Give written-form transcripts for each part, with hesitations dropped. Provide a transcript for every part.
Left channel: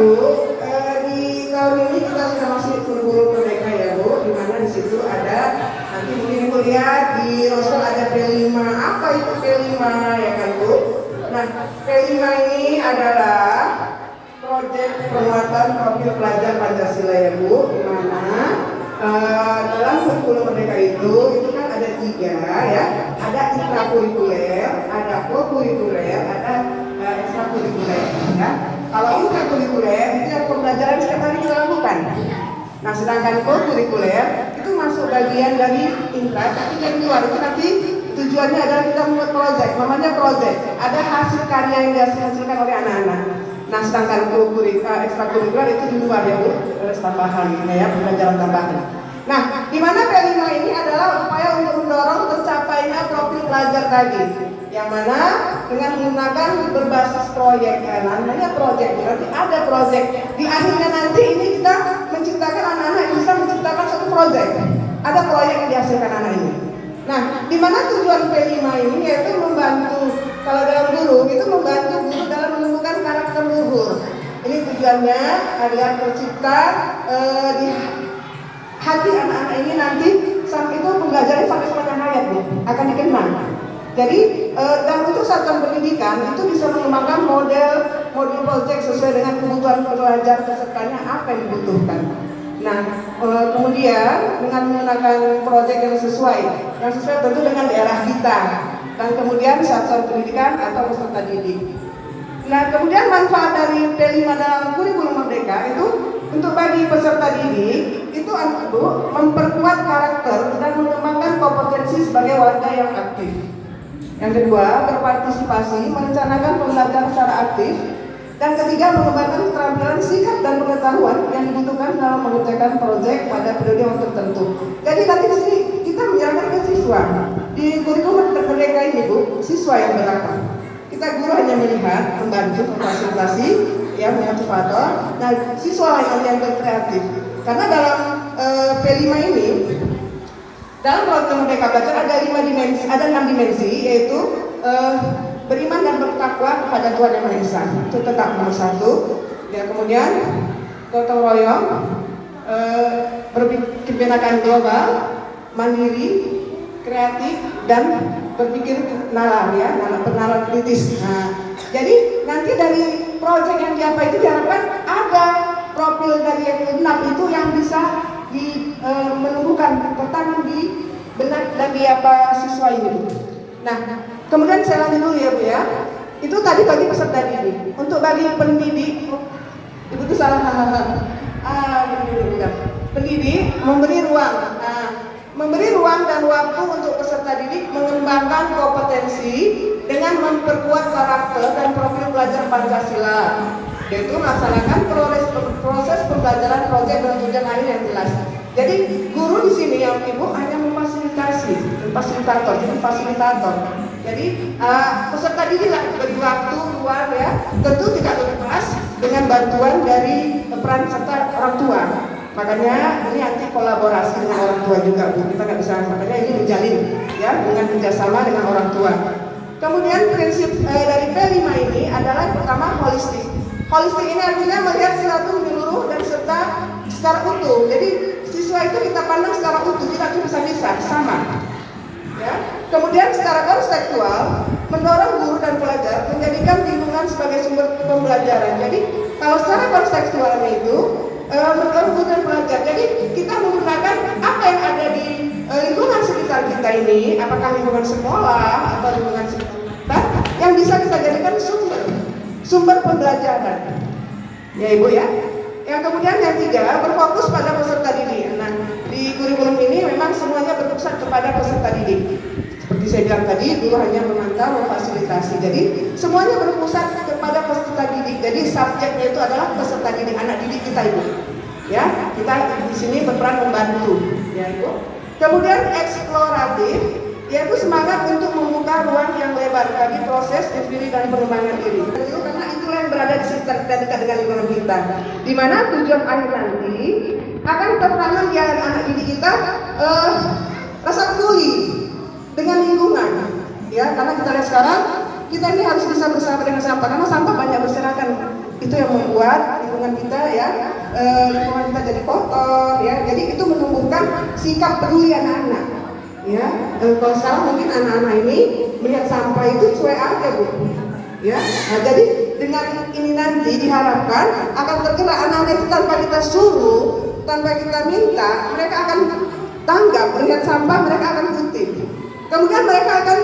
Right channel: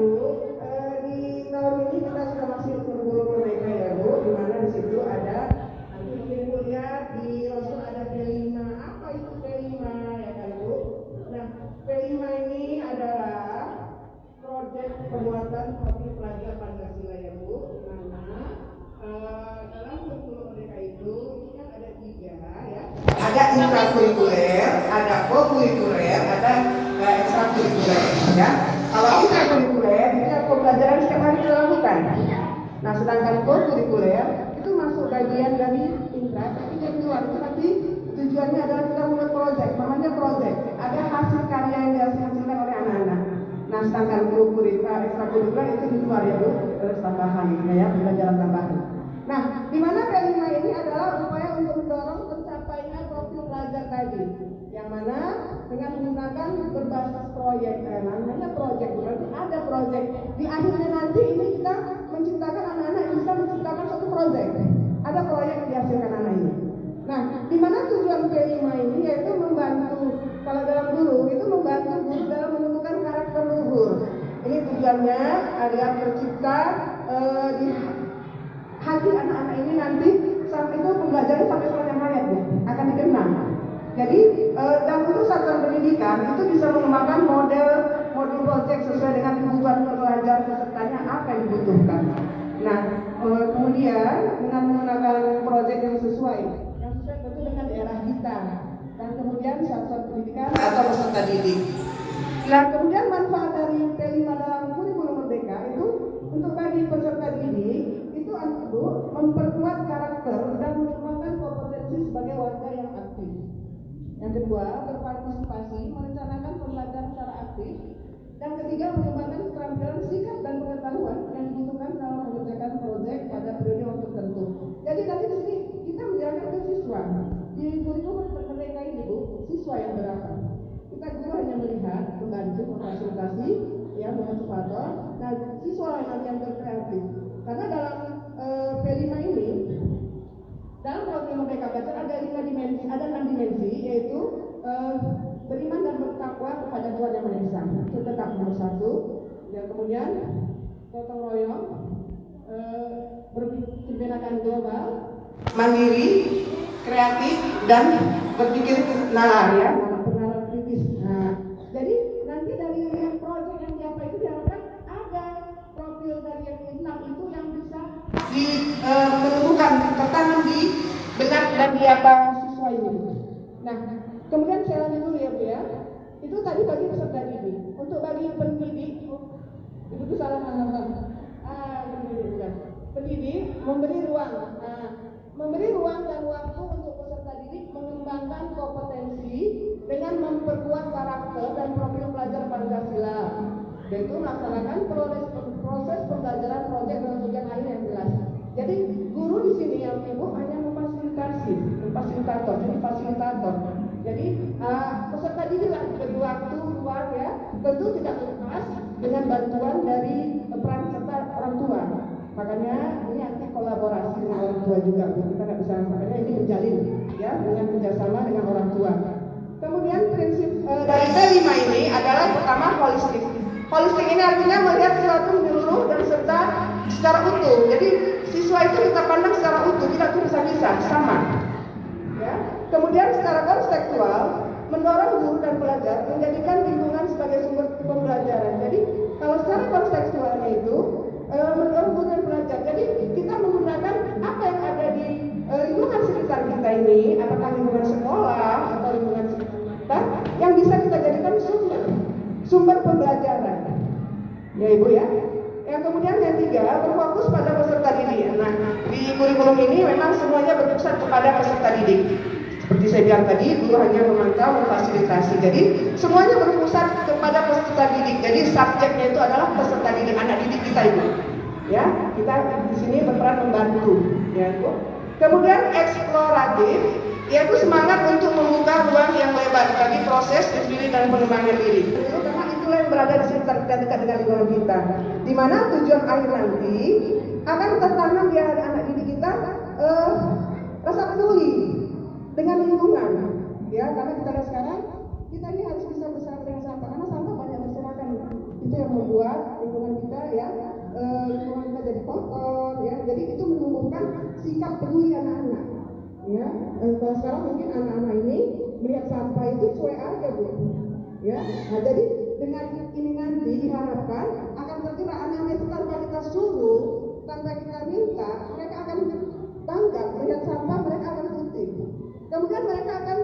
Bu, di tahun ini kita sudah masuk kurikulum merdeka ya Bu, di mana di situ ada, nanti mungkin Ibu lihat di roster ada P5. Apa itu P5 ya kan Bu? Nah, P5 ini adalah proyek penguatan profil pelajar Pancasila ya Bu, di mana dalam kurikulum merdeka itu kan ada 3 ya, ada intrakurikuler, ada kokurikuler, ada ekstrakurikuler ya. Kalau intrakurikuler itu pembelajaran setiap hari kita lakukan. Nah, sedangkan kokurikuler itu masuk bagian dari intra, tapi dari luar itu nanti tujuannya adalah kita membuat proyek, namanya proyek. Ada hasil karya yang dihasilkan oleh anak-anak. Nah, sedangkan ekstrakurikuler itu di luar ya Bu, ada tambahan ya, pembelajaran tambahan. Nah, di mana P5 ini adalah upaya untuk mendorong tercapainya profil pelajar tadi, yang mana dengan menggunakan berbasis proyek, namanya proyek, berarti ada proyek. Di akhirnya nanti ini kita menciptakan anak-anak yang bisa menciptakan satu proyek. Ada proyek yang dihasilkan anak ini. Nah, di mana tujuan P5 ini yaitu membantu, kalau dalam guru itu membantu guru dalam menemukan karakter luhur. Ini tujuannya agar tercipta di hati anak-anak ini nanti sampai itu pembelajaran sampai sepanjang hayat Bu, akan dikenang. Jadi dalam itu satuan pendidikan itu bisa mengembangkan model proyek sesuai dengan kebutuhan pelajar pesertanya apa yang dibutuhkan. Nah, kemudian dengan menggunakan proyek yang sesuai tentu dengan daerah kita, dan kemudian satuan pendidikan atau peserta didik. Nah, kemudian manfaat dari P5 dalam kurikulum merdeka itu untuk bagi peserta didik itu Bu, memperkuat karakter dan mengembangkan kompetensi sebagai warga yang aktif. Yang kedua, berpartisipasi, merencanakan pembelajaran secara aktif. Dan ketiga, mengembangkan keterampilan sikap dan pengetahuan yang dibutuhkan dalam mengerjakan proyek pada periode waktu tertentu. Jadi nanti di sini kita menyerahkan ke siswa. Di kurikulum merdeka ini Bu, siswa yang beraktif. Kita guru hanya melihat, membantu, memfasilitasi, ya, motivator. Nah, siswa yang berkreatif. Karena dalam P5 ini, dalam program Merdeka Belajar ada 6 dimensi, yaitu beriman dan bertakwa kepada Tuhan Yang Maha Esa. Itu tetap nomor 1. Ya, kemudian gotong royong, berpikir binakan global, mandiri, kreatif, dan berpikir nalar ya, nalar kritis. Nah, jadi nanti dari proyek yang diapa itu diharapkan ada profil dari yang 6 itu yang bisa menumbuhkan, tertanam di benak dan di apa siswa ini. Nah, kemudian saya lanjut dulu ya Bu ya. Itu tadi bagi peserta didik. Untuk bagi pendidik, Ibu itu salah. Pendidik memberi ruang. Memberi ruang dan waktu untuk peserta didik mengembangkan kompetensi dengan memperkuat karakter dan profil pelajar Pancasila, yaitu melaksanakan proses pembelajaran proyek dan tujuan akhir yang jelas. Jadi guru di sini yang Ibu hanya memfasilitasi, fasilitator, jadi fasilitator. Jadi peserta didik bagi waktu luar ya, tentu tidak lepas dengan bantuan dari peran serta orang tua. Makanya ini nanti kolaborasi dengan orang tua juga Bu. Kita nggak bisa, makanya ini menjalin ya dengan kerjasama dengan orang tua. Kemudian prinsip dari P5 ini adalah pertama holistik. Holistik ini artinya melihat sesuatu menyeluruh dan serta secara utuh. Jadi siswa itu kita pandang secara utuh, tidak bisa sama. Ya. Kemudian secara konseptual mendorong guru dan pelajar menjadikan lingkungan sebagai sumber pembelajaran. Jadi kalau secara konseptualnya itu mendorong guru dan pelajar. Jadi kita menggunakan apa yang ada di lingkungan sekitar kita ini, apakah lingkungan sekolah atau lingkungan sekitar, yang bisa kita jadikan sumber pembelajaran. Ya Ibu ya. Yang kemudian yang 3, berfokus pada peserta didik. Nah, di kurikulum ini memang semuanya berpusat kepada peserta didik. Seperti saya bilang tadi, guru hanya memantau, memfasilitasi. Jadi semuanya berpusat kepada peserta didik. Jadi subjeknya itu adalah peserta didik, anak didik kita Ibu. Ya, kita di sini berperan membantu, ya Ibu. Kemudian eksploratif, yaitu semangat untuk membuka ruang yang lebar bagi proses diri dan pengembangan diri. Itu karena itulah yang berada di sekitar kita, dekat dengan lingkungan kita. Di mana tujuan akhir nanti akan tertanam di anak didik kita rasa peduli dengan lingkungan. Ya, karena kita lihat sekarang kita ini harus bisa bersama dengan sampah, karena sampah banyak berserakan itu yang membuat lingkungan kita ya lingkungan kita jadi kotor ya. Jadi itu menumbuhkan sikap peduli anak-anak ya. Kalau sekarang mungkin anak-anak ini melihat sampah itu cuek aja Bu ya. Nah, jadi dengan ini nanti diharapkan akan tergerak anak-anak itu tanpa kita suruh, tanpa kita minta, mereka akan tanggap, melihat sampah mereka akan kutip. Kemudian mereka akan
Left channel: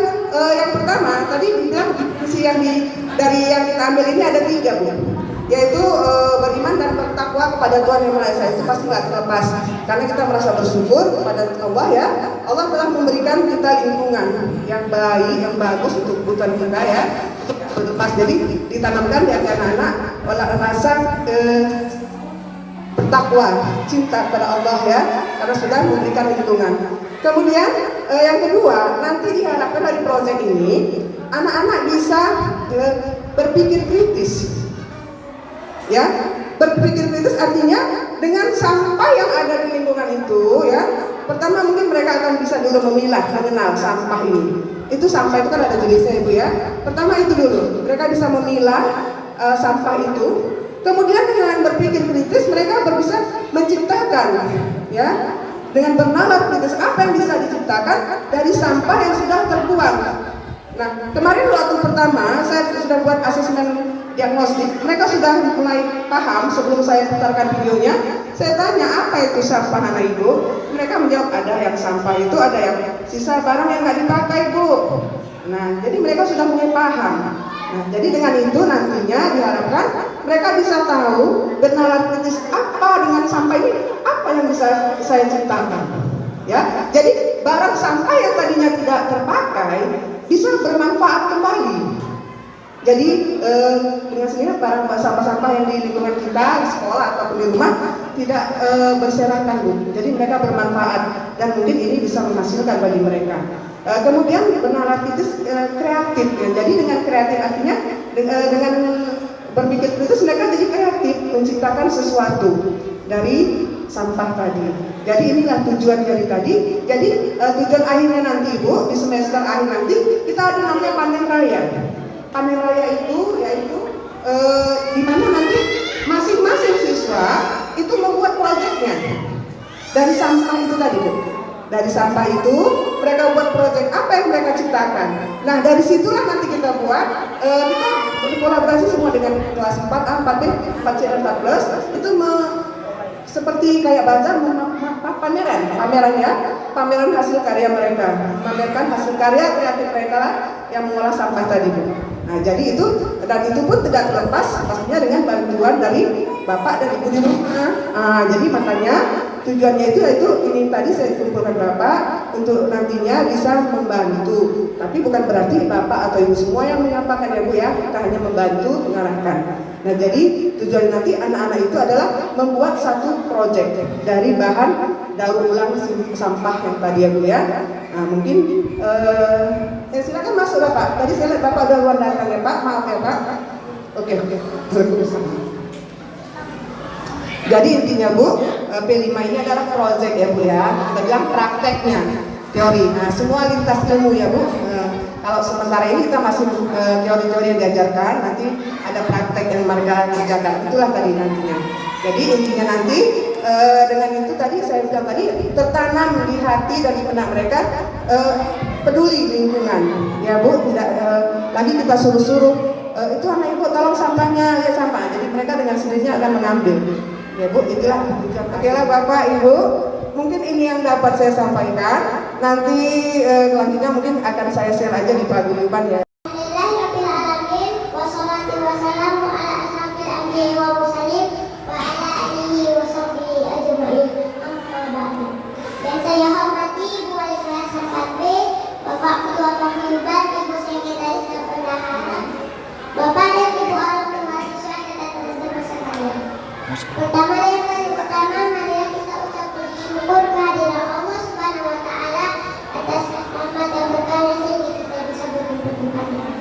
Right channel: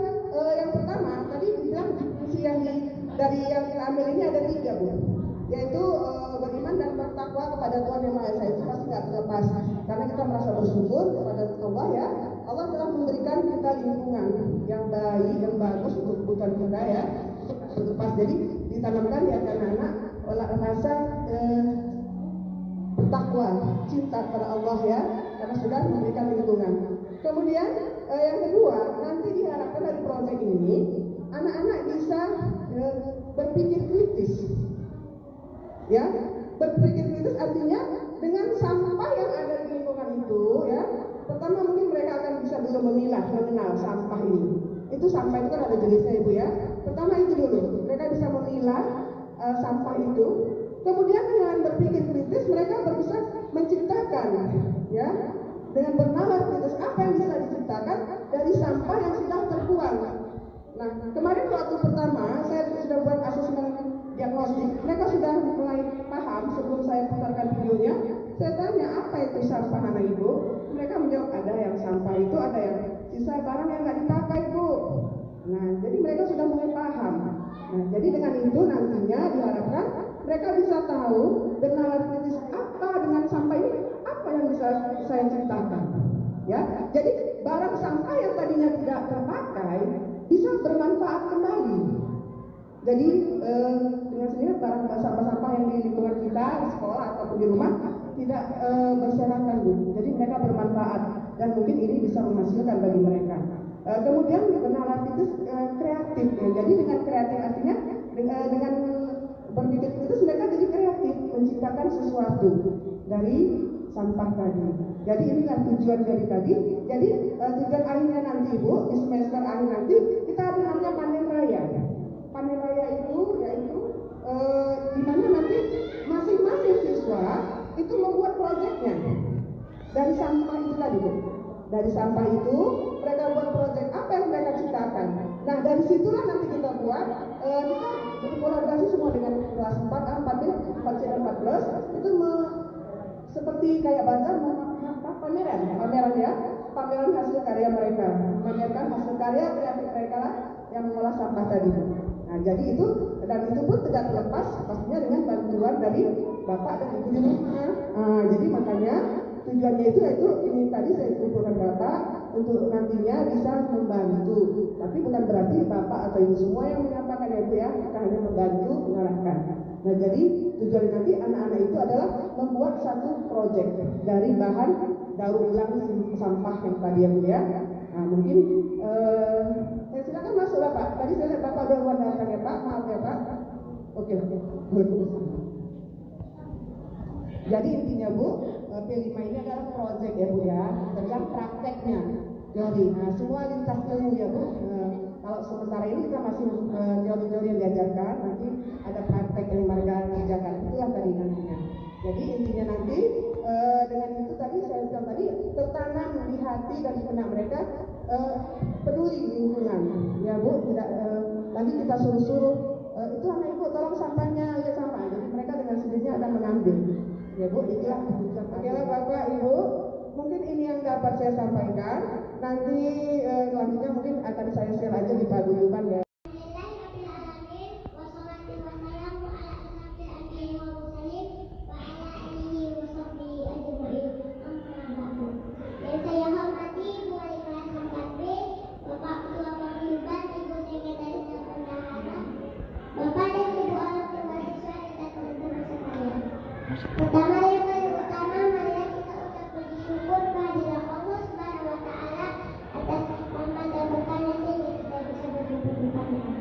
yang pertama tadi dibilang fungsi dari yang kita ambil ini ada 3 Bu, yaitu beriman dan bertakwa kepada Tuhan Yang Maha Esa. Itu pasti nggak terlepas karena kita merasa bersyukur kepada Allah ya. Allah telah memberikan kita lingkungan yang baik, yang bagus untuk kebutuhan kita ya. Berlepas jadi ditanamkan di anak-anak rasa bertakwa, cinta kepada Allah ya, karena sudah memberikan lingkungan. Kemudian yang kedua, nanti diharapkan dari proyek ini anak-anak bisa berpikir kritis. Ya, berpikir kritis artinya dengan sampah yang ada di lingkungan itu ya. Pertama mungkin mereka akan bisa dulu memilah, mengenal sampah ini. Itu sampah itu kan ada jenisnya Ibu ya. Pertama itu dulu, mereka bisa memilah sampah itu. Kemudian dengan berpikir kritis mereka bisa menciptakan ya. Dengan bernalar kritis apa yang bisa diciptakan dari sampah yang sudah terbuang. Nah, kemarin waktu pertama saya sudah buat asesmen diagnostik, mereka sudah mulai paham sebelum saya putarkan videonya. Saya tanya apa itu sampah anak Ibu, mereka menjawab ada yang sampah itu ada yang sisa barang yang nggak dipakai Bu. Nah, jadi mereka sudah mulai paham. Nah, jadi dengan itu nantinya diharapkan mereka bisa tahu bernalar kritis apa dengan sampah ini, apa yang bisa saya ciptakan. Ya, jadi barang sampah yang tadinya tidak terpakai bisa bermanfaat kembali. Jadi dengan sendirinya barang sampah-sampah yang di lingkungan kita, di sekolah ataupun di rumah tidak berserakan Bu. Jadi mereka bermanfaat dan mungkin ini bisa menghasilkan bagi mereka. Kemudian bernalar kritis kreatif ya. Jadi dengan kreatif artinya dengan berpikir kritis mereka jadi kreatif menciptakan sesuatu dari sampah tadi. Jadi inilah tujuan dari tadi. Jadi tujuan akhirnya nanti Bu, di semester akhir nanti kita ada namanya panen raya. Panen raya itu yaitu di mana nanti masing-masing siswa itu membuat proyeknya dari sampah itu tadi Bu. Dari sampah itu mereka buat proyek apa yang mereka ciptakan. Nah dari situlah nanti kita buat kita berkolaborasi semua dengan kelas 4A, 4B, 4C dan 4plus itu seperti kayak bazar pameran hasil karya mereka, pamerkan hasil karya kreatif mereka yang mengolah sampah tadi Bu. Nah jadi itu dan itu pun tidak terlepas pastinya dengan bantuan dari Bapak dan Ibu di rumah. Jadi makanya tujuannya itu yaitu ini tadi saya kumpulkan Bapak untuk nantinya bisa membantu. Tapi bukan berarti Bapak atau Ibu semua yang menyampaikan ya Bu ya, kita hanya membantu mengarahkan. Nah jadi tujuan nanti anak-anak itu adalah membuat satu proyek dari bahan daur ulang sampah yang tadi ya Bu ya. Nah mungkin silakan masuk Bapak. Tadi saya lihat Bapak udah luar datang ya Pak, maaf ya Pak. Oke. Jadi intinya Bu, P5 ini adalah proyek ya Bu ya. Kita bilang prakteknya, teori. Nah semua lintas ilmu ya Bu. Kalau sementara ini kita masih teori-teori yang diajarkan, nanti ada praktek yang mereka kerjakan. Itulah tadi nantinya. Jadi intinya nanti dengan itu tadi saya bilang tadi tertanam di hati dan di benak mereka peduli lingkungan. Ya Bu, tidak lagi kita suruh-suruh itu anak Ibu tolong sampahnya, lihat sampah. Jadi mereka dengan sendirinya akan mengambil. Ya Bu, itulah. Oke lah Bapak Ibu, mungkin ini yang dapat saya sampaikan. Nanti selanjutnya mungkin akan saya share aja di paguyuban ya. Pertama yang pertama marilah kita ucap puji syukur kehadiran Allah Subhanahu wa taala atas rahmat dan berkah sehingga kita bisa berkumpul kepadanya.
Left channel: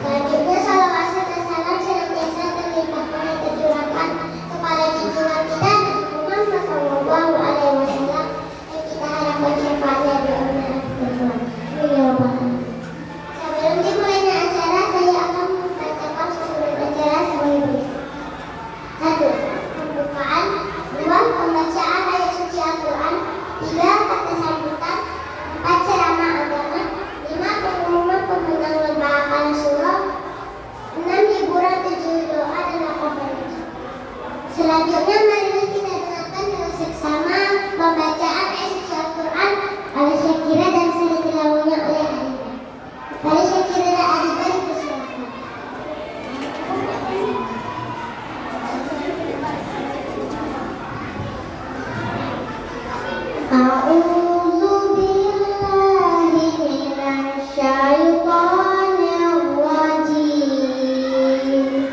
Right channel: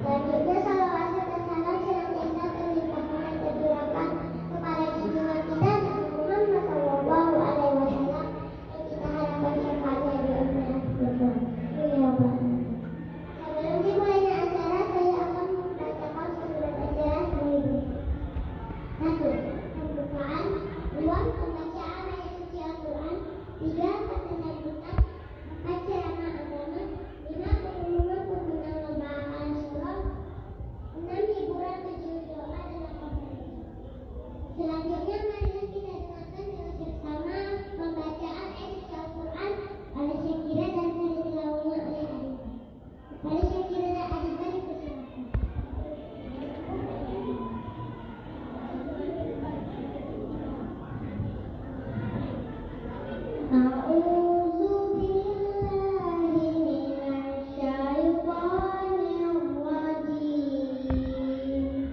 Selanjutnya salawat serta salam senantiasa terlimpahkan dan tercurahkan kepada junjungan kita Nabi Muhammad sallallahu alaihi wasallam yang kita harapkan syafaatnya di akhirat kelak. Sebelum dimulainya acara saya akan membacakan susunan acara sebagai berikut. 1. Pembukaan. 2. Pembacaan ayat suci Al-Quran. 3. Kata sambutan. 4. Ceramah agama. 5. Pengumuman pemenang lomba hafalan surah. 6. Hiburan. 7. Doa dan apa-apa. Selanjutnya marilah kita dengarkan dengan seksama pembacaan ayat suci Al-Quran oleh Syakira dan seri tilawahnya oleh Arida. Mari Syakira dan Arida dipersilakan. A'udzu billahi minasy syaithanir rajim.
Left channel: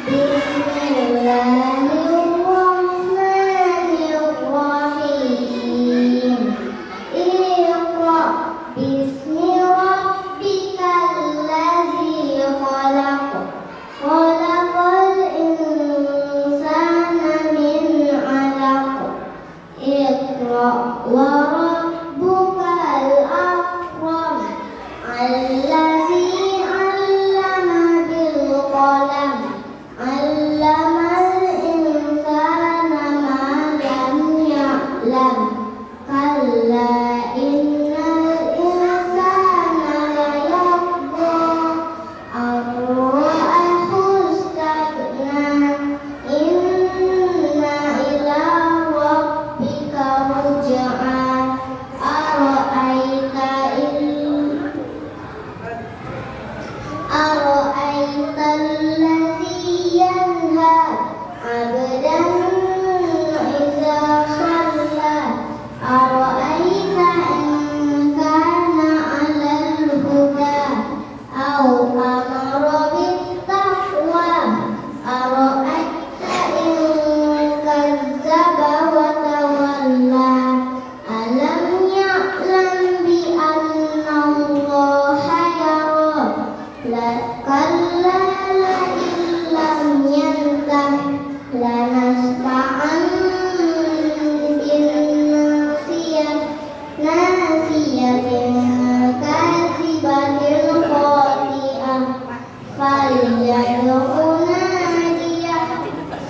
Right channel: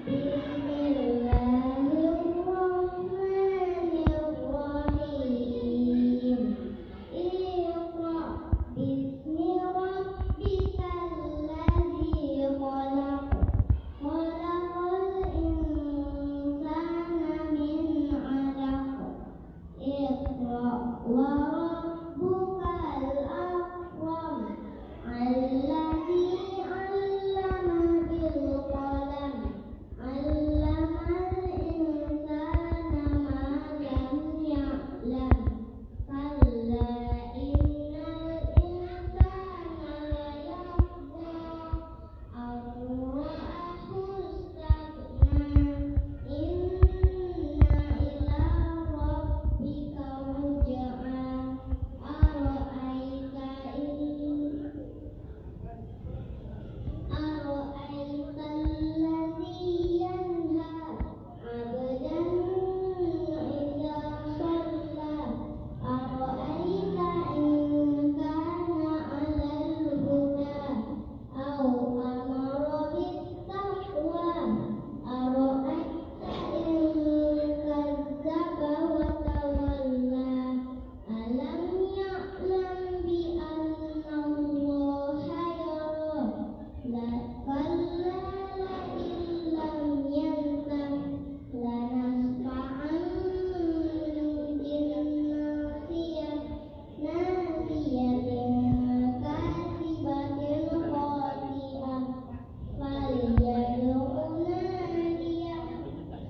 Bismillahirrahmanirrahim. Iqra bismi rabbikal ladzi khalaq. Khalaqal insana min 'alaq. Iqra wa rabbukal akram. Allazi 'allama bil qalam. Allamal insana ma lam ya'lam. Kalla innal insana layatgha ar-ra'ahu istaghna. Inna ila rabbika ruj'a. Ara'aita allazi yanha 'abdan idza shalla. Ara'aita in kana 'alal huda aw amara bit-taqwa. Ara'aita in kazzaba wa tawalla. Alam ya'lam bi anna Allaha yara. Kalla la illam yantah lanasfa'an bin nasiyatin katsibatin khati'ah. Falyad'u nadiyah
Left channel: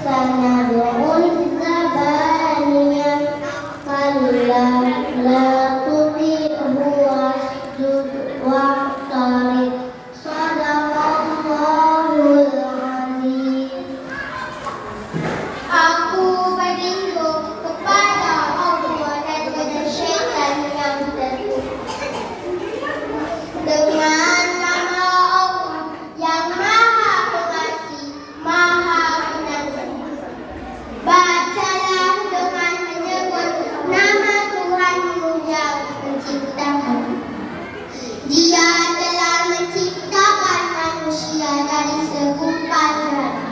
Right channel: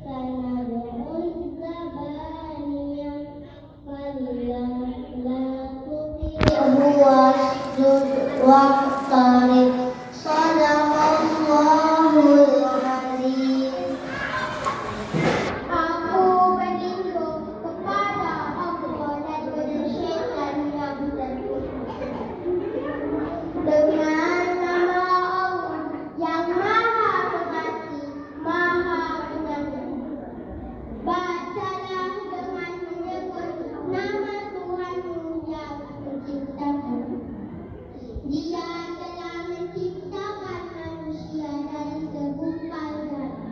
sanad'u zabaniyah. Kalla la tuti'hu wasjud waqtarib. Shadaqallahul azim. Aku berlindung kepada Allah dan dari syaitan yang terkutuk. Dengan nama Allah yang Maha Pengasih, Maha Pengampun. Bacalah dengan menyebut nama Tuhanmu yang menciptakan. Dia telah menciptakan manusia dari segumpal darah.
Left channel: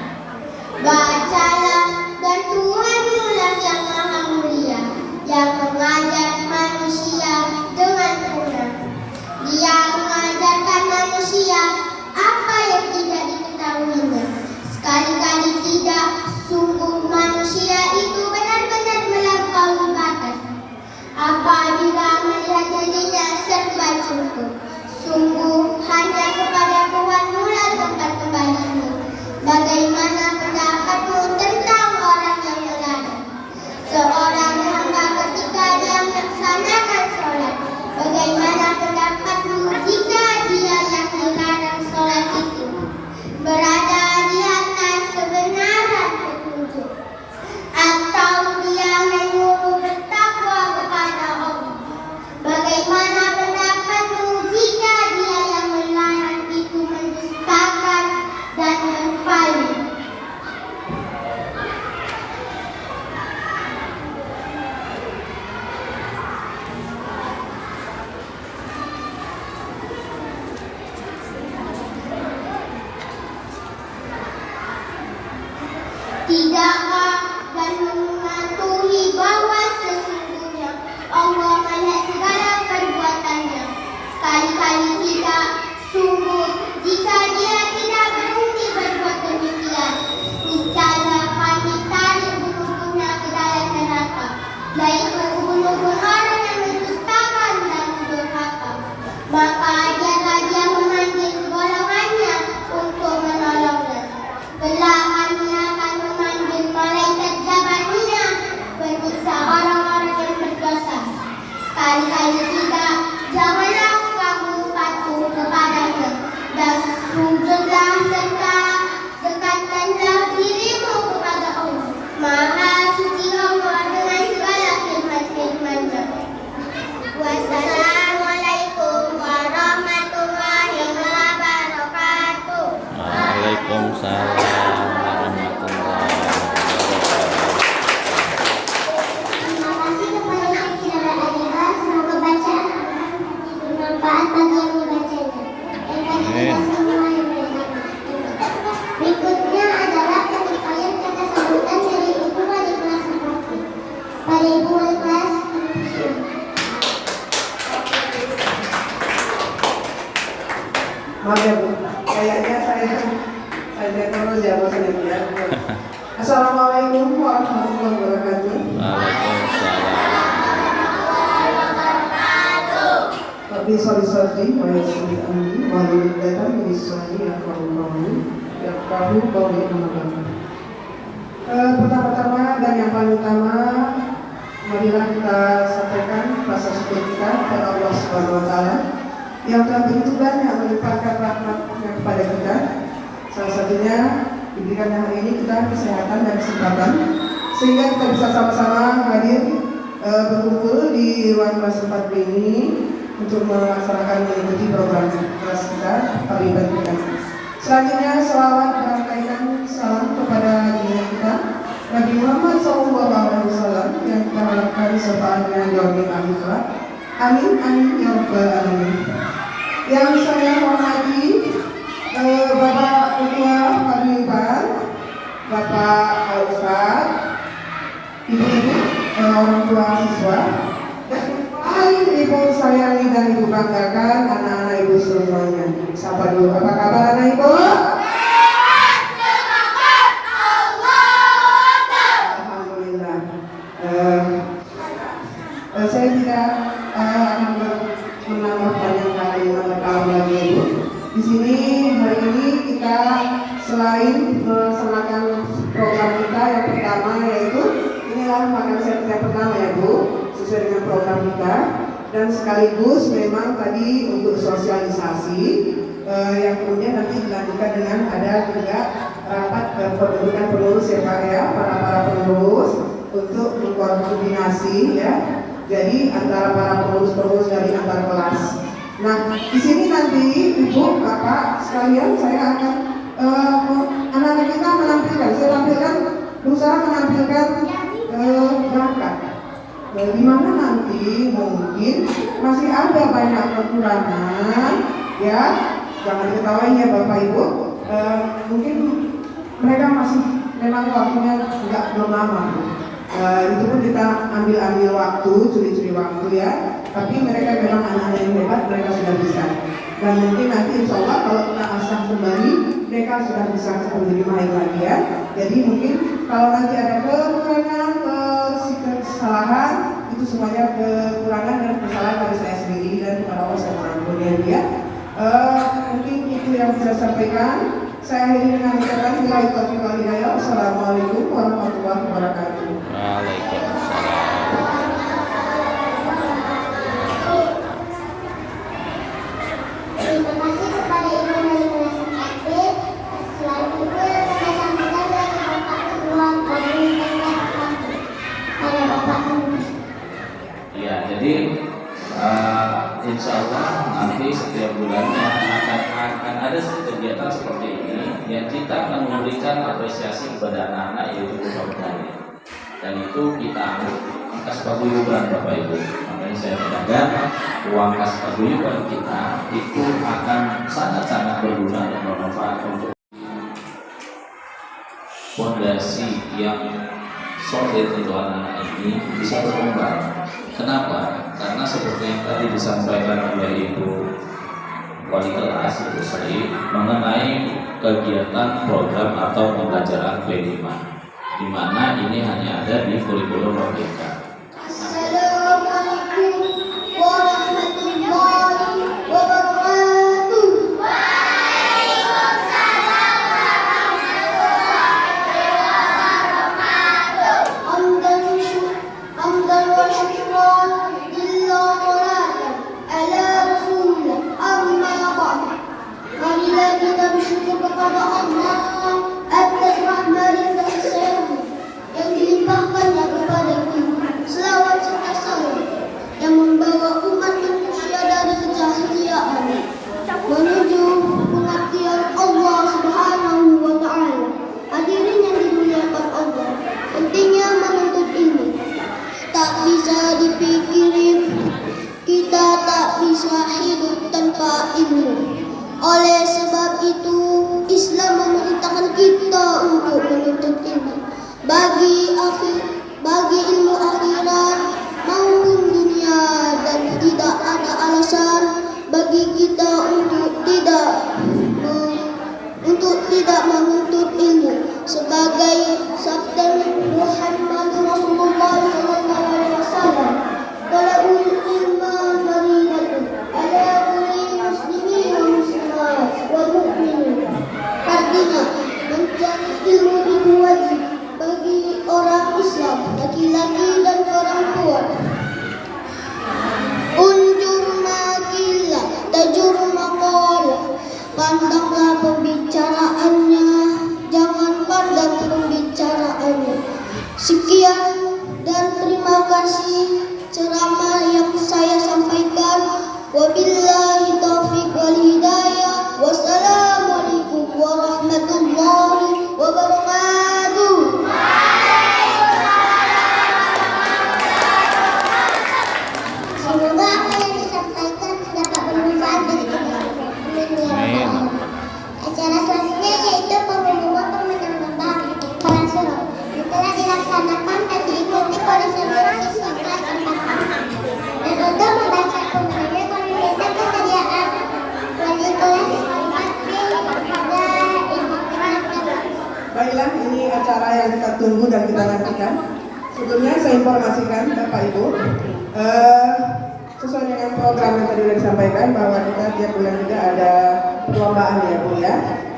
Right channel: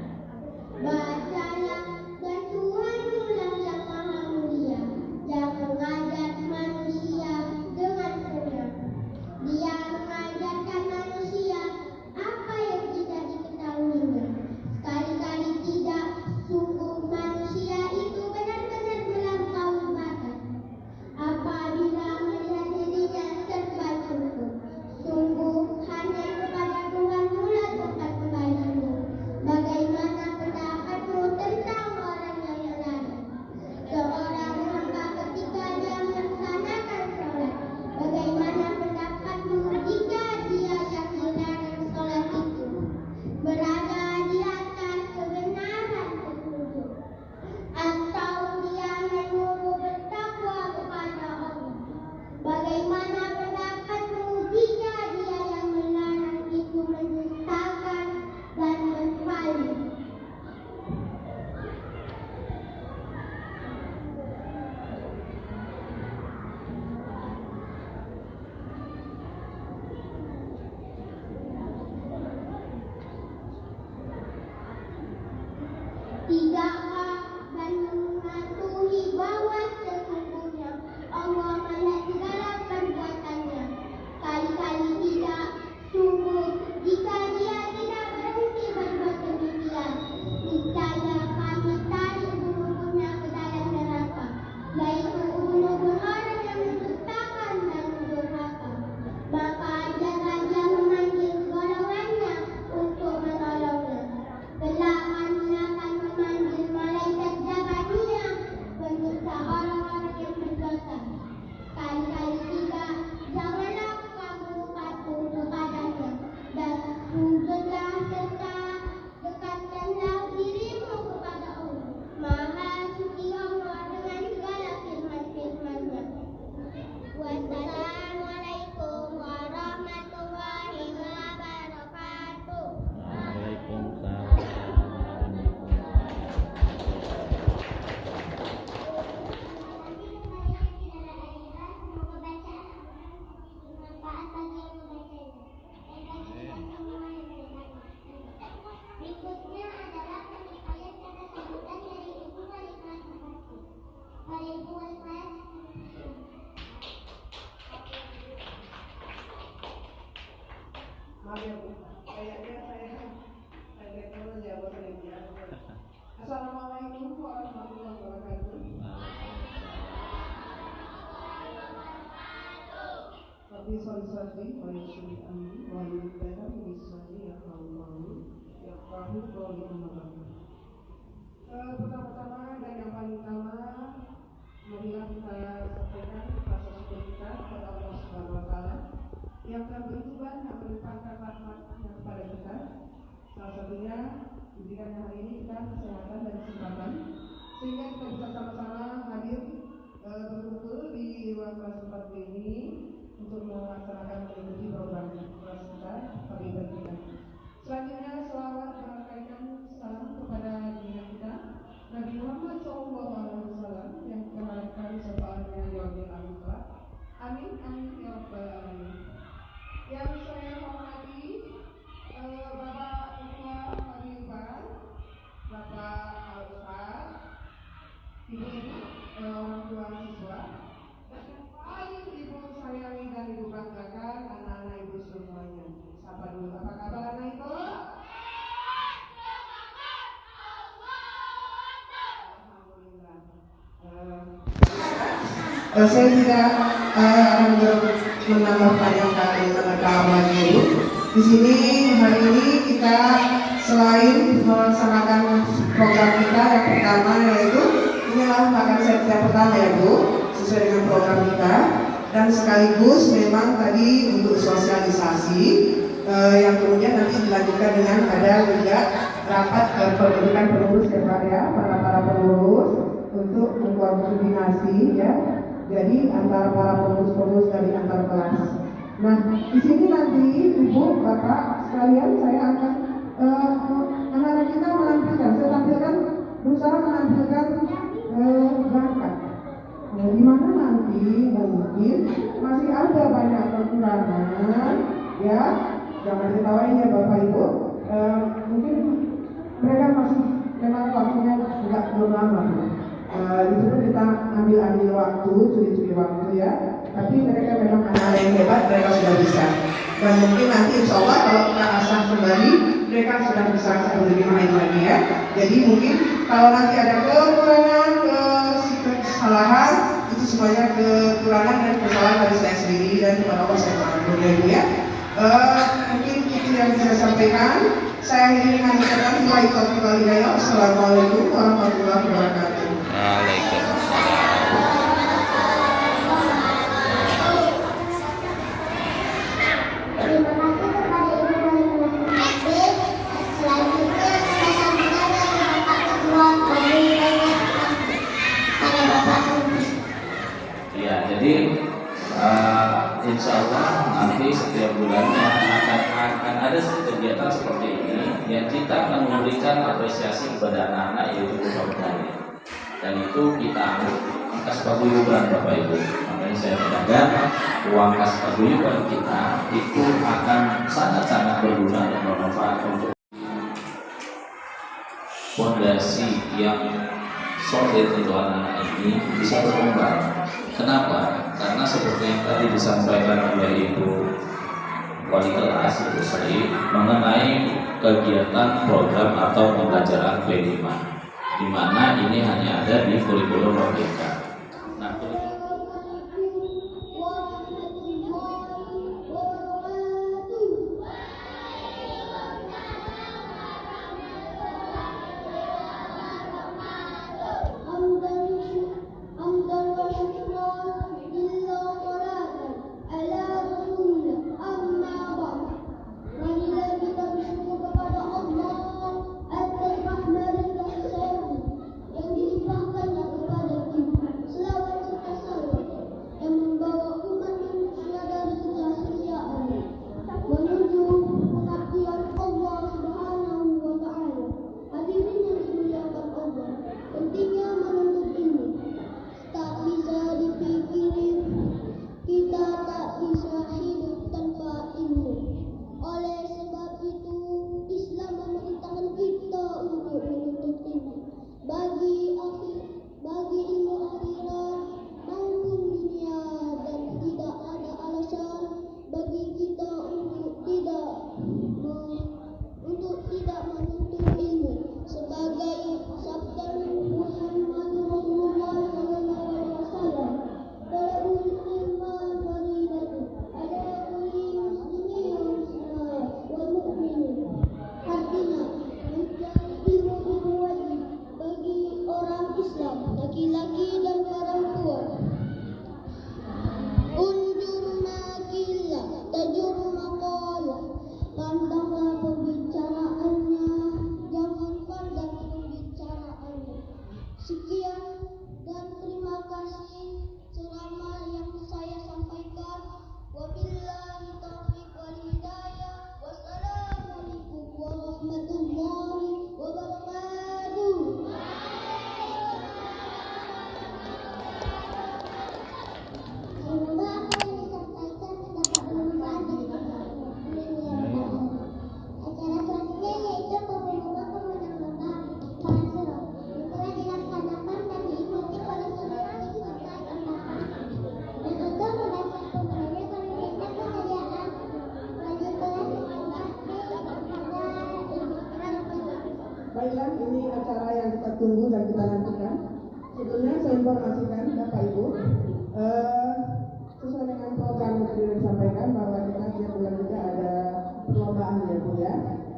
Bacalah, dan Tuhanmu lah yang maha mulia, yang mengajar manusia dengan benar. Dia mengajarkan manusia apa yang tidak diketahuinya. Sekali-kali tidak, sungguh manusia itu benar-benar melampaui batas. Apabila melihat dirinya serba cukup, sungguh hanya kepada Tuhanmu lah tempat kembalimu. Bagaimana pendapatmu tentang orang yang meladang? Seorang hamba ketika dia melaksanakan sholat, bagaimana pendapatmu jika dia yang melarang sholat itu berada di atas kebenaran petunjuk? Atau dia menyuruh bertakwa kepada Allah? Bagaimana pendapatmu jika dia yang melarang itu mendustakan dan berpaling? Tidakkah dan mematuhi bahwa sesungguhnya Allah melihat segala perbuatannya? Sekali-kali tidak, sungguh jika dia tidak berhenti berbuat demikian, niscaya kami tarik bulu-bulunya ke dalam neraka, yaitu bulu-bulu orang yang mendustakan dan durhaka. Maka ajarlah dia memanggil golongannya untuk menolongnya. Kelak kami akan memanggil Assalamualaikum warahmatullahi wabarakatuh. Tapi sorry, saya sulit ambil walau datang misalnya yang kamu bawa nama. Pertama-tama dan yang paling utama, marilah kita sampaikan rasa syukur kita kepada Allah Subhanahu Wa Taala yang telah begitu banyak melimpahkan rahmat-Nya kepada kita. Salah satunya diberikannya hari ini kita kesehatan dan kesempatan sehingga kita bisa sama-sama hadir berkumpul di ruang kelas 4 ini untuk melaksanakan mengikuti program kelas kita hari kita. Selanjutnya selawat dan kaitan salam kepada junjungan kita Nabi Muhammad SAW yang kita harapkan sertaannya di yaumil akhir. Amin amin ya rabbal alamin. Yang saya hormati Bapak Ketua Paguyuban, Bapak Ustaz, Ibu-ibu, orang tua siswa, dan paling ibu sayangi dan ibu banggakan anak-anak ibu semuanya. Sapa dulu, apa kabar anak ibu? Alhamdulillah. Saya juga akan menambahkan yang tadi lagi ibu. Di sini hari ini kita selain melaksanakan program kita yang pertama yaitu inilah makan siang yang pertama ya Bu, sesuai dengan program kita, dan sekaligus memang tadi untuk sosialisasi yang kemudian nanti dilanjutkan dengan ada juga rapat pembentukan pengurus ya Pak ya, para pengurus untuk mengkoordinasi ya. Jadi antara para pengurus dari antar kelas. Nah, di sini nanti Ibu, Bapak sekalian saya akan anak-anak kita menampilkan, berusaha menampilkan bakat. Di mana nanti mungkin masih ada banyak kekurangan, ya, jangan diketawain ya Bapak Ibu. Mungkin mereka masih memang waktunya belum lama. Itu pun kita ambil waktu, curi-curi waktu ya. Tapi mereka memang anak-anak yang hebat, mereka sudah bisa. Dan mungkin nanti insya Allah kalau kita asah kembali, mereka sudah bisa lebih main lagi ya. Jadi mungkin kalau nanti ada kekurangan, kesalahan, itu semuanya kekurangan dan kesalahan dari saya sendiri dan kepada Allah saya mengampuni ya. Mungkin itu yang bisa saya sampaikan. Saya ingin mengajarkan Assalamualaikum warahmatullahi wabarakatuh. Waalaikumsalam. Terima kasih kepada Ibu Halimah Sakit. Selanjutnya kita sampaikan dengan Bapak Ketua Paguyuban pada Bapak. Ya, jadi insya Allah nanti setiap bulannya akan ada kegiatan seperti ini yang kita akan memberikan apresiasi kepada anak-anak yaitu pegawai. Dan itu kita anggap kas paguyuban Bapak Ibu. Makanya saya berharap uang kas paguyuban kita itu akan sangat-sangat berguna dan bermanfaat untuk fondasi yang solid untuk anak-anak ini bisa berkembang. Kenapa? Karena seperti yang tadi disampaikan oleh Ibu Wali Kelas Ibu Sri mengenai kegiatan program atau pembelajaran P5, di mana ini hanya ada di kurikulum Merdeka. Assalamualaikum warahmatullahi wabarakatuh. Hamdan wa syukran lillah salatan ala rasulillah amma ba'd. Marilah kita bersyukur kepada Allah atas rahmat dan kasih sayang yang dilimpahkannya kepada kita. Selawat serta salam yang membawa umat manusia dari kejahiliaan menuju pengertian Allah Subhanahu wa Ta'ala. Hadirin yang dimuliakan Allah, pentingnya menuntut ilmu tak bisa dipikirin, kita tak bisa hidup tanpa ilmu. Oleh sebab itu, Islam memerintahkan kita untuk menuntut ilmu bagi ilmu akhirat maupun dunia, dan tidak ada alasan bagi kita untuk tidak menuntut ilmu. Sebagai sabda laki-laki dan perempuan. Unjur makilah, tajur makalah, pandanglah pembicaraannya, jangan pandang pembicaraannya. Sekian dan terima kasih ceramah yang saya sampaikan. Wabillahi taufiq wal hidayah. Wassalamualaikum warahmatullahi wabarakatuh. Semoga apa yang disampaikan dapat bermanfaat bagi kita semua. Acara selanjutnya yaitu pengumuman pemenang lomba Quran Surah yang telah dilaksanakan dan diikuti oleh seluruh siswa kelas 4. Dan untuk membaca pemenangnya kami minta kesediaan wali kelas 4B kepada Ibu Ketua. Baiklah, ini acara yang kita tunggu dan kita nantikan. Sebelumnya saya informasikan Bapak Ibu, sesuai dengan program yang tadi sudah disampaikan bahwa kita tiap bulan juga ada perlombaan ya Bu ya.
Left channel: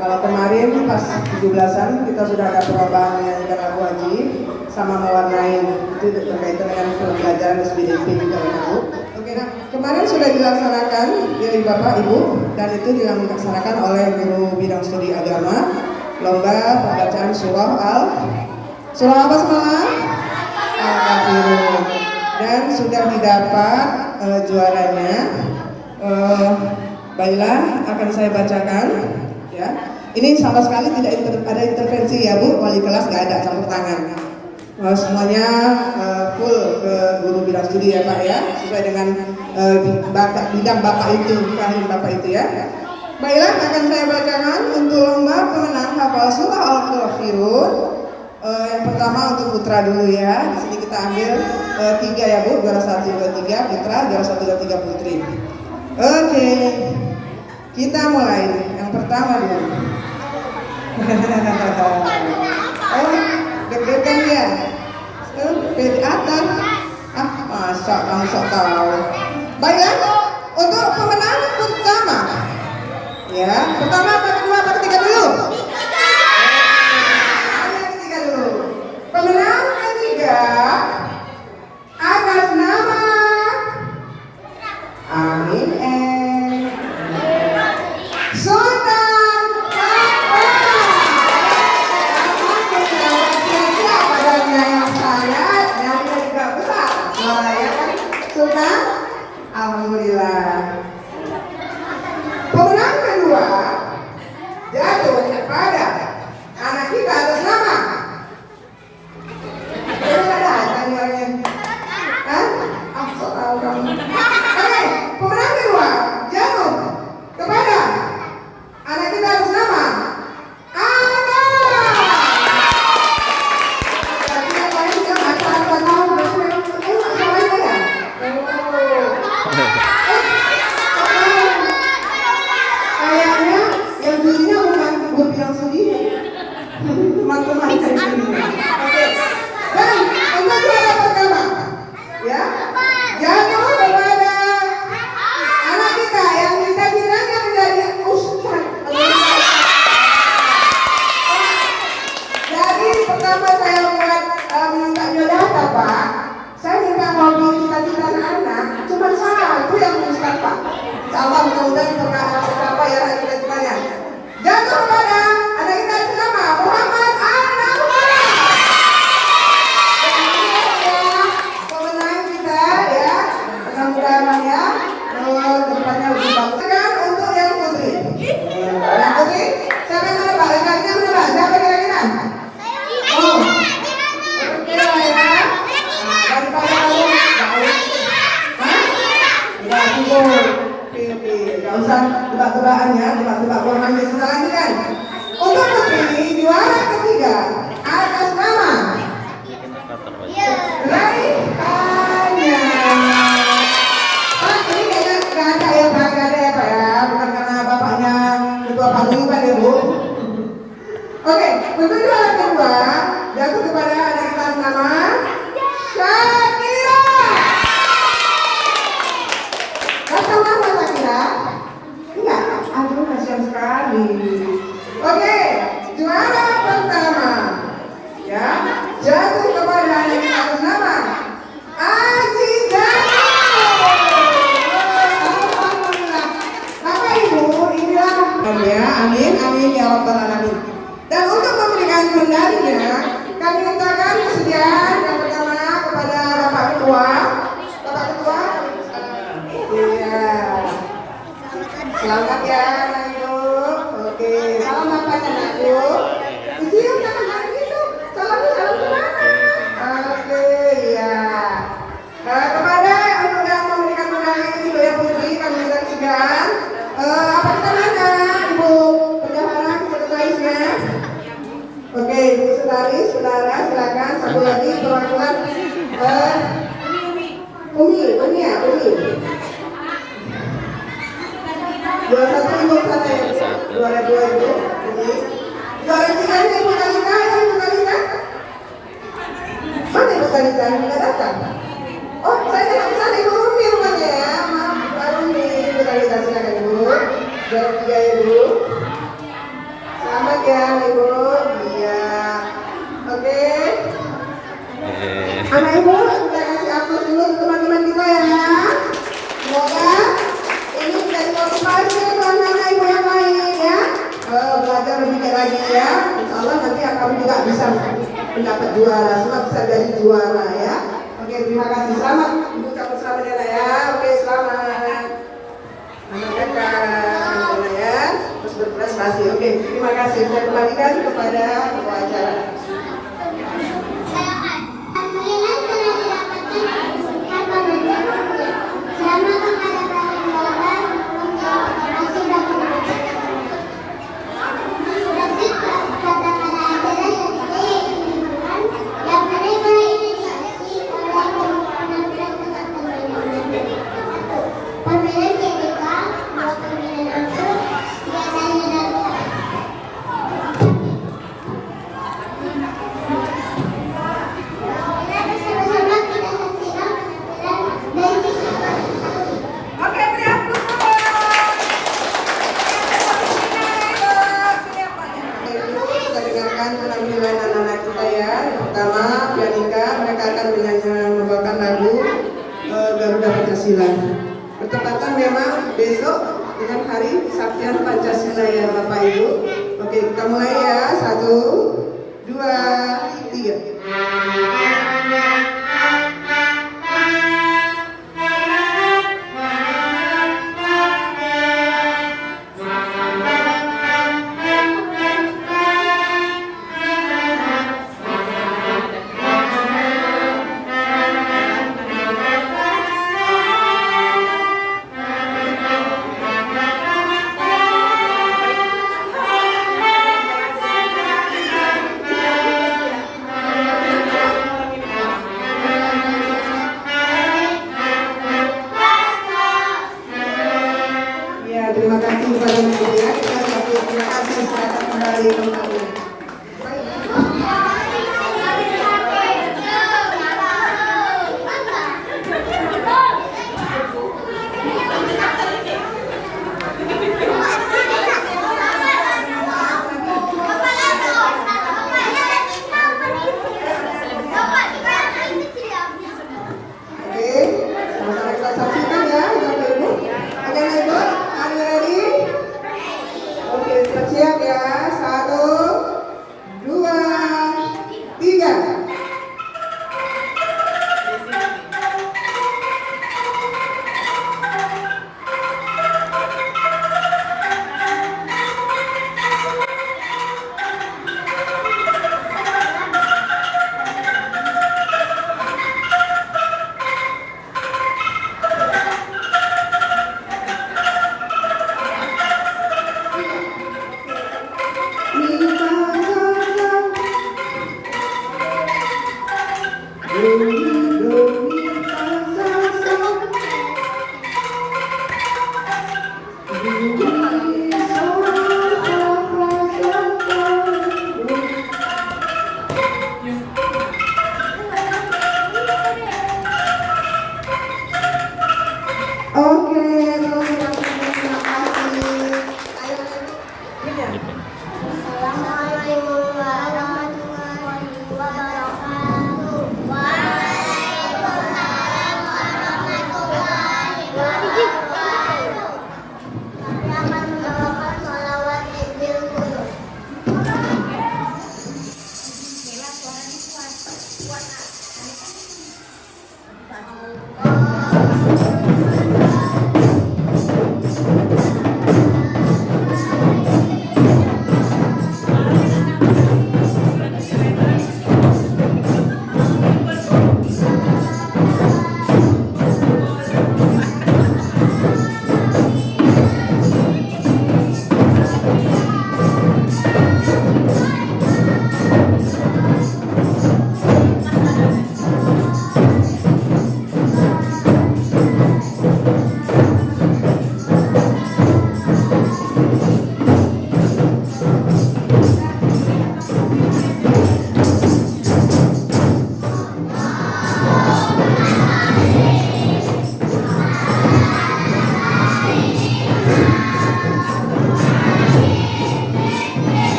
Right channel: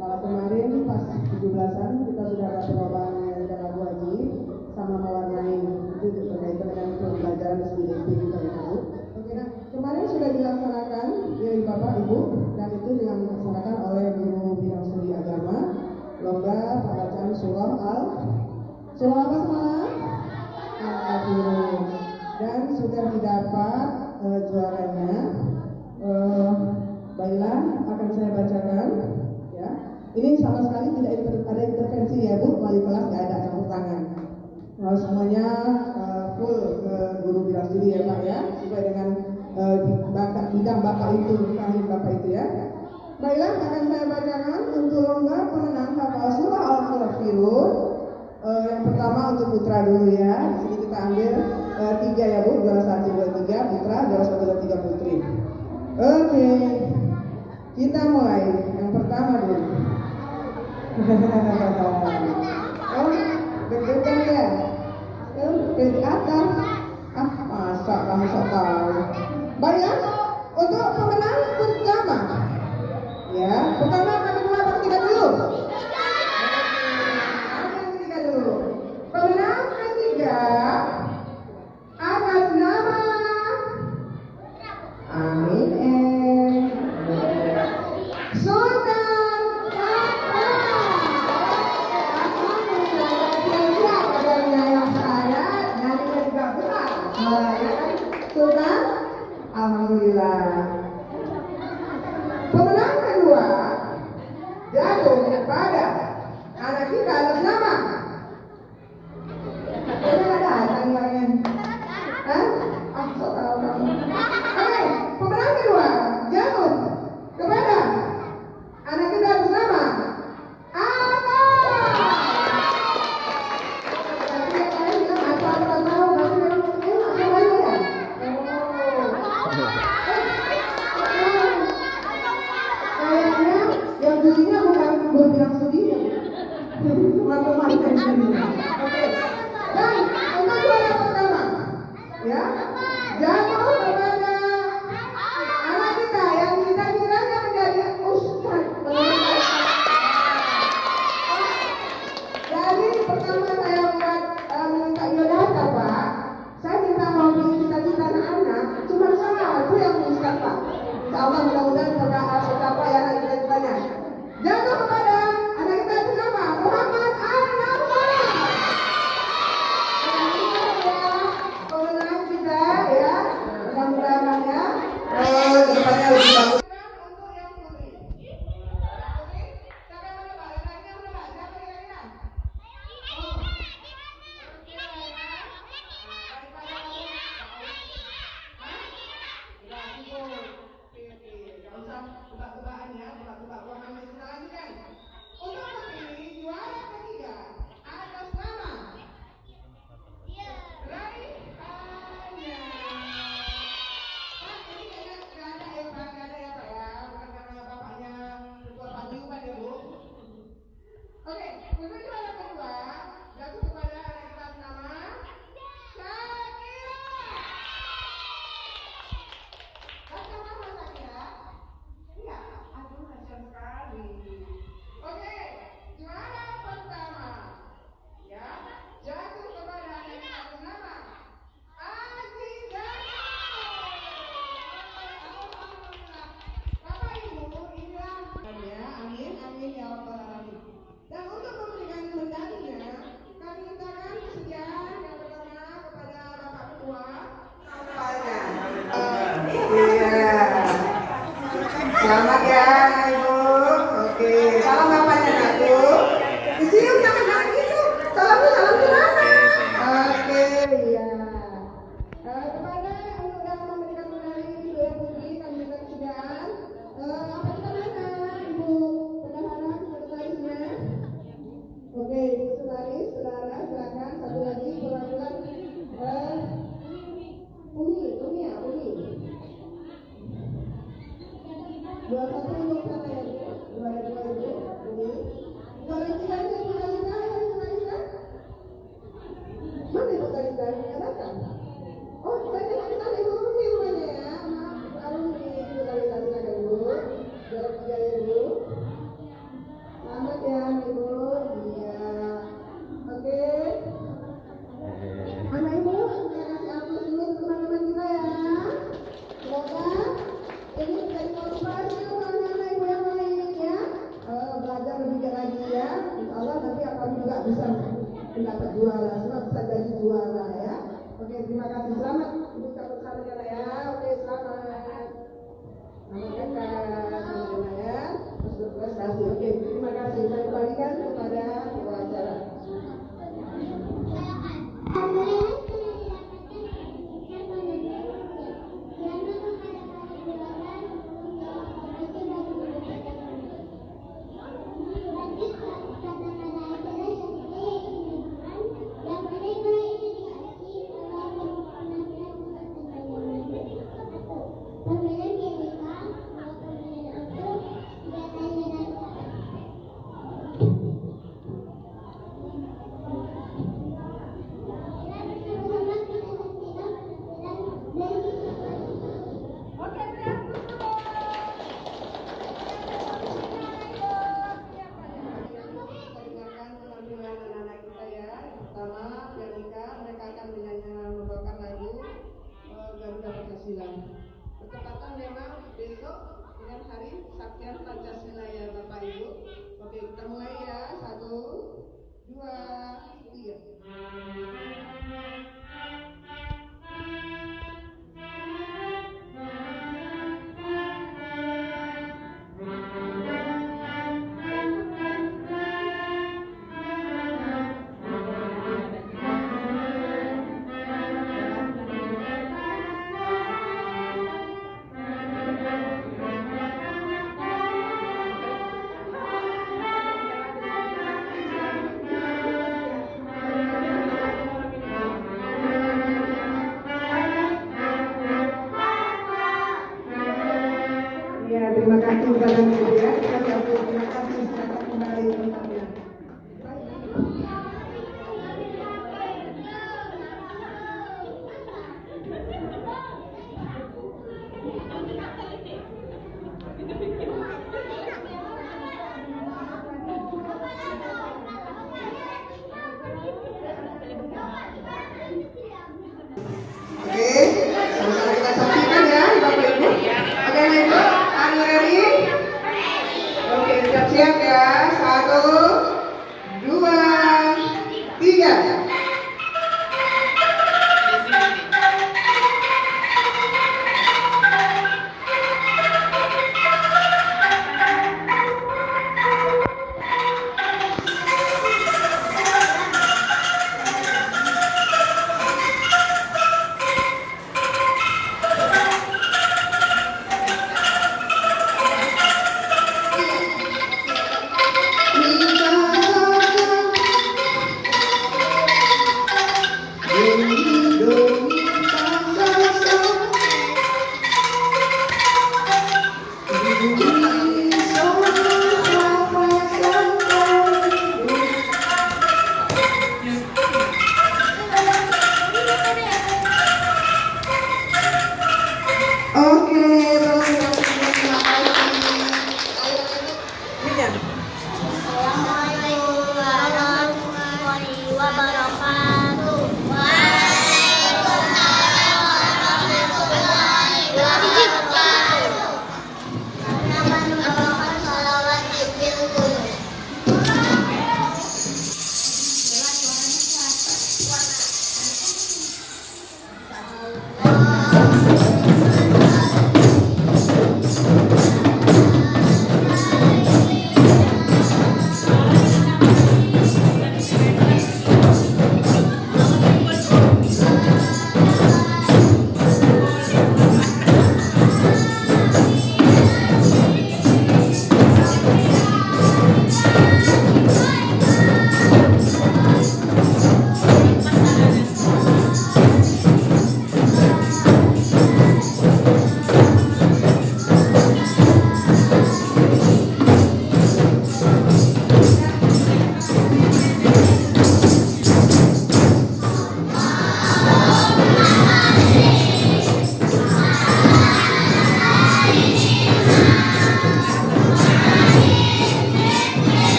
Kalau kemarin pas 17-an kita sudah ada perlombaan menyanyikan lagu wajib sama mewarnai, itu berkaitan dengan pembelajaran SBDP juga ya Bu. Oke, nah kemarin sudah dilaksanakan ya Bapak Ibu, dan itu dilaksanakan oleh guru bidang studi agama, lomba pembacaan surah apa semalam? Al-Kafirun. Dan sudah didapat juaranya. Baiklah, akan saya bacakan ya. Ini sama sekali tidak ada intervensi ya Bu, wali kelas nggak ada campur tangan. Semuanya full ke guru bidang studi ya Pak ya, sesuai dengan bidang Bapak itu, keahlian Bapak itu ya. Baiklah, akan saya bacakan untuk lomba pemenang hafal surah Al-Kafirun. Yang pertama untuk putra dulu ya. Di sini kita ambil 3 ya Bu, juara 1, 2, 3 putra, juara 1, 2, 3 putri. Oke, kita mulai. Yang pertama dulu. Oh, deg-degan ya. Di atas. Masa kamu sok tahu. Baiklah, untuk pemenang pertama. Ya, pertama, apa kedua, apa ketiga dulu? Ketiga dulu. Pemenang ketiga atas nama Amin Sultan Kakak. Siapa padanya yang saya, nyarinya juga besar. Malah ya kan, Sultan. Alhamdulillah. Pemenang kedua jatuh kepada anak kita atas nama. Terus ada tanya orangnya. Hah? Soal kamu. Oke, pemenang kedua jatuh kepada anak kita atas nama Ana. Berarti yang lain juga acara 4 tahun. Berarti yang lain ya? Kayaknya yang judinya bukan guru bidang studi, teman-teman dari studinya. Oke. Dan untuk juara pertama, ya, jatuh kepada anak kita yang kita kiranya menjadi ustaz. Jadi pertama saya membuat minta biodata Pak, saya minta ngobrol cita-cita anak, cuma satu yang ustaz Pak. Insyaallah mudah-mudahan tercapai ya cita-citanya. Jatuh kepada anak kita nama Muhammad Anwar. Pemenang kita ya, mudah-mudahan ya, depannya lebih bagus. Untuk yang putri. Yang putri, siapa yang menebak? Rekannya menebak. Siapa kira-kira? Oh, kira ya. Daripada kamu nggak cukup. Gak usah tebak-tebakannya, tebak-tebak orang yang kita lanjutkan. Untuk putri juara ketiga atas nama Raihanya. Pak, ini kayaknya gak ada ya Pak, gak ada ya Pak ya, bukan karena bapaknya ketua paguyuban ya Bu. Oke, untuk juara kedua jatuh kepada anak kita atas nama Shakira. Gak tahu apa Shakira? Enggak, aduh kasihan sekali. Uni ya, Uni. 21 ibu sana ya. Juara 2 ibu. Uni. Juara 3 nya ibu Talita, ibu Talita. Mana ibu Talita? Tidak datang. Oh, saya tidak ke sana ibu Umi rumahnya ya. Maaf, Ibu Umi. Ibu Talita silakan ibu. Juara 3 ibu. Selamat ya ibu. Iya. Oke. Anak ibu, kita kasih aplaus dulu untuk teman-teman kita ya. Semoga ini menjadi motivasi untuk anak-anak ibu yang lain ya. Belajar lebih baik lagi ya. Insya Allah nanti kamu juga bisa mendapat juara. Semua bisa jadi juara ya. Oke, terima kasih. Selamat. Ibu ucapkan selamat ya, Nak, ya. Oke, selamat. Selamat datang ya. Terus berprestasi. Oke, terima kasih. Saya kembalikan kepada ketua acara. Alhamdulillah telah didapatkan sertifikat pembelajaran. Selamat kepada para juara untuk masih dapat lanjut kata-kata acara selanjutnya yaitu liburan yang mana inisiasi oleh penampilan tempat permainan. 1. Permainan GBK, 2 permainan angklung, 3 tanya dan bersama-sama kita saksikan penampilan dari siswa. Oke, beri aplaus dulu. Kita dengarkan penampilan anak-anak kita ya. Yang pertama, Pianika, mereka akan membawakan lagu Garuda Pancasila. Bertepatan memang besok dengan hari Kesaktian Pancasila ya Bapak Ibu. Oke, kita mulai ya. 1, 2, 3. Ya, terima kasih kepada Ibu ya. Kita satu terima kasih selamat kembali kembali. Oke, sama-sama kita saksikan ya, Bapak Ibu. Oke, Ibu, are you ready? Oke, siap-siap ya. 1, 2, 3. Oke, terima kasih. Assalamualaikum warahmatullahi wabarakatuh.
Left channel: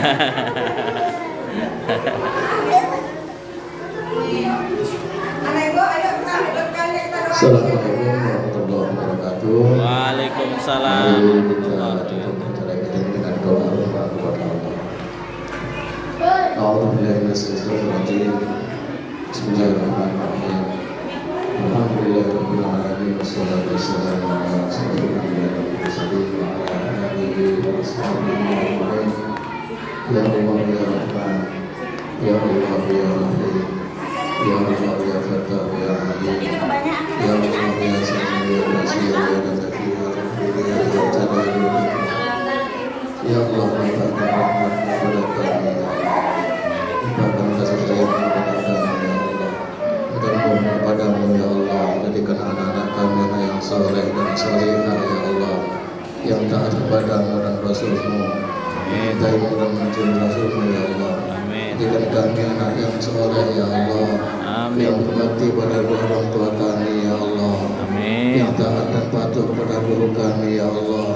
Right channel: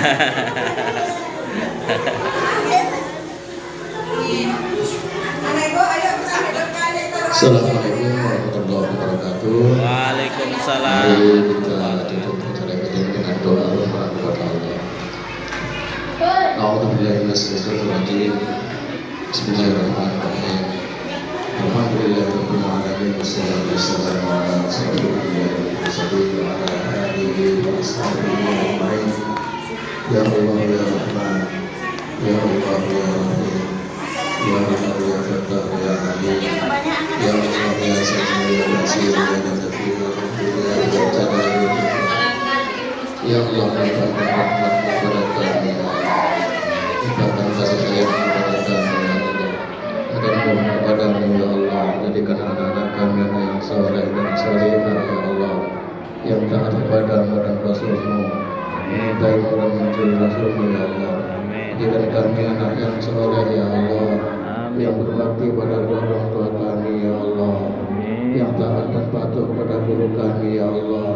Assalamualaikum warahmatullahi wabarakatuh. Waalaikumsalam. Mari kita tutup acara kita dengan doa kepada Allah. A'udzubillahi minasyaitonir rajim. Bismillahirrahmanirrahim. Alhamdulillahirabbil alamin wassalatu wassalamu ala asyrofil mursalin wa ala alihi wa ashabihi ajma'in. Ya Allah ya Rahman, ya Allah ya Rahim, ya Allah ya Fatah ya Alim, ya Allah ya Sami ya Basir ya Latif ya Jalal ya Allah limpahkan rahmat kepada kami ya Allah, limpahkan kasih sayang kepada kami ya Allah, agar kepadamu ya Allah, jadikan anak-anak kami yang saleh dan salihah ya Allah, yang taat kepadamu dan Rasulmu, mencintai dan mencuri Rasulmu ya Allah. Jadikan kami anak yang saleh ya Allah, yang berbakti pada orang tua kami ya Allah, yang taat dan patuh pada guru kami ya Allah,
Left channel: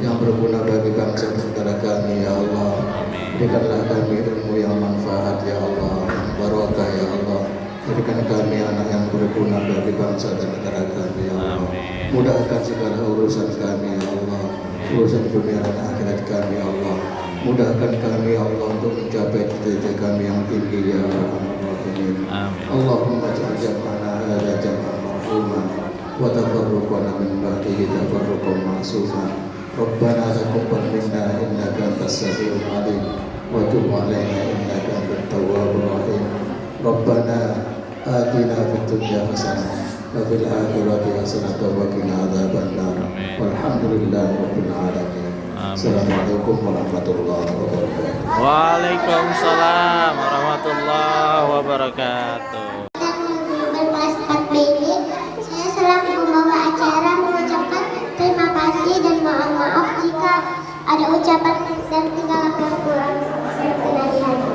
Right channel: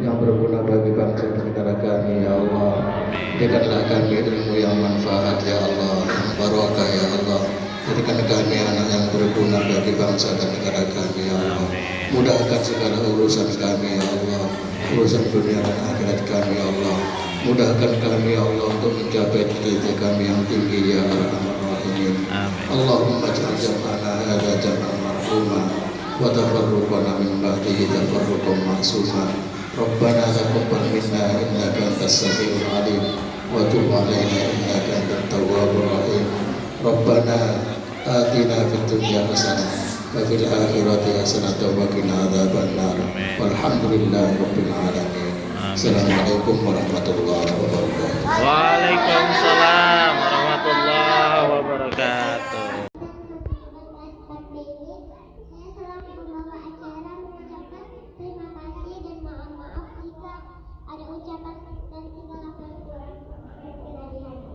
yang berguna bagi bangsa dan negara kami ya Allah. Berikanlah kami ilmu yang manfaat ya Allah, yang barokah ya Allah. Jadikan kami anak yang berguna bagi bangsa dan negara kami ya Allah. Mudahkan segala urusan kami ya Allah, urusan dunia dan akhirat kami ya Allah. Mudahkan kami ya Allah untuk mencapai cita-cita kami yang tinggi ya Rabbal-Alamin. Allahumma ja'al jam'ana hadza jam'an marhuma wa tafarruqana min ba'dihi tafarruqan ma'suma. Rabbana taqabbal minna innaka antas samiul 'alim wa tub 'alaina innaka antat tawwabur rahim. Rabbana atina fid dunya hasanah wa fil akhirati hasanah wa qina adzabannar. Walhamdulillahi rabbil alamin. Assalamualaikum warahmatullahi wabarakatuh. Waalaikumsalam warahmatullahi wabarakatuh. Berkelas 4B ini, saya selaku pembawa acara mengucapkan terima kasih dan mohon maaf jika ada ucapan dan tinggalan yang kurang berkenan di hati.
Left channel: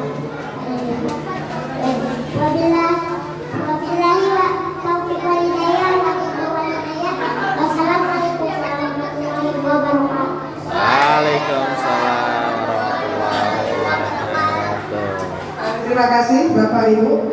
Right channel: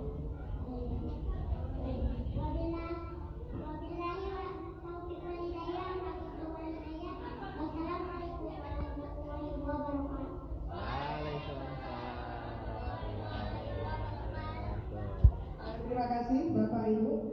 Wabillahi wa taufiq wal hidayah wa hidayah. Wassalamualaikum warahmatullahi wabarakatuh. Waalaikumsalam warahmatullahi wabarakatuh. Terima kasih Bapak Ibu.